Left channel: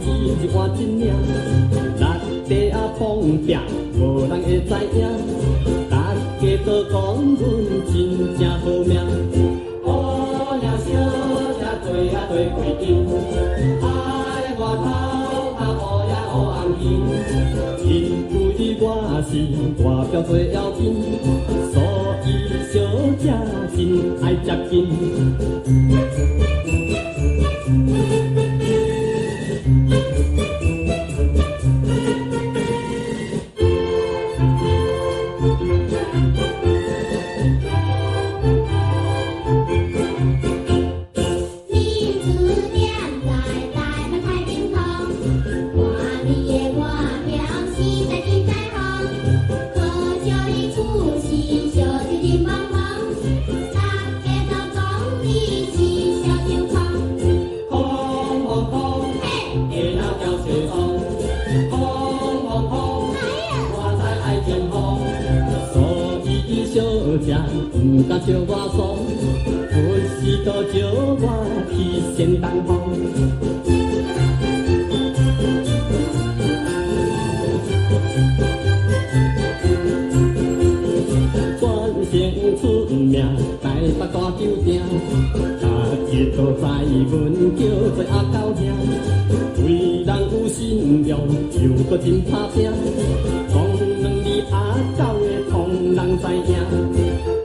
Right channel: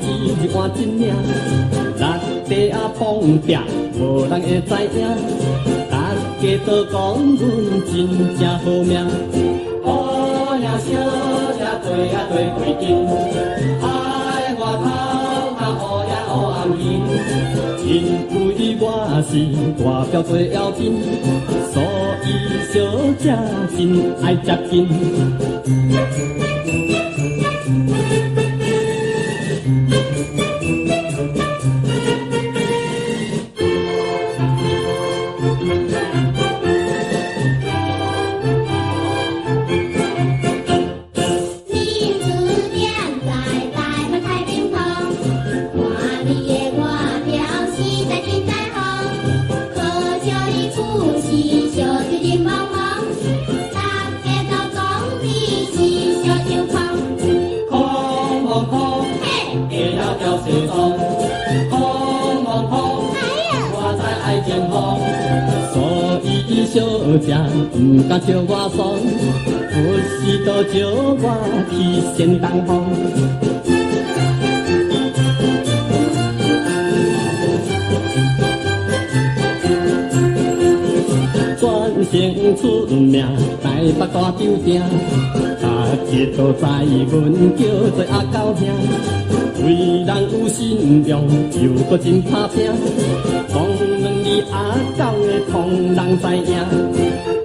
只一碗真命，六地啊碰壁，无人会知影。大家都讲阮真正好命，好命小姐对啊对对紧，爱外头较好也好红颜，因为我是大表最要紧，所以小姐真爱接近。小姐不敢笑我爽，有时都招我去先东方。全城出名，台北大酒店，大家都知阮叫做阿狗兄，为人有信用，又搁真拍拼。讲两字阿狗的，通人知影。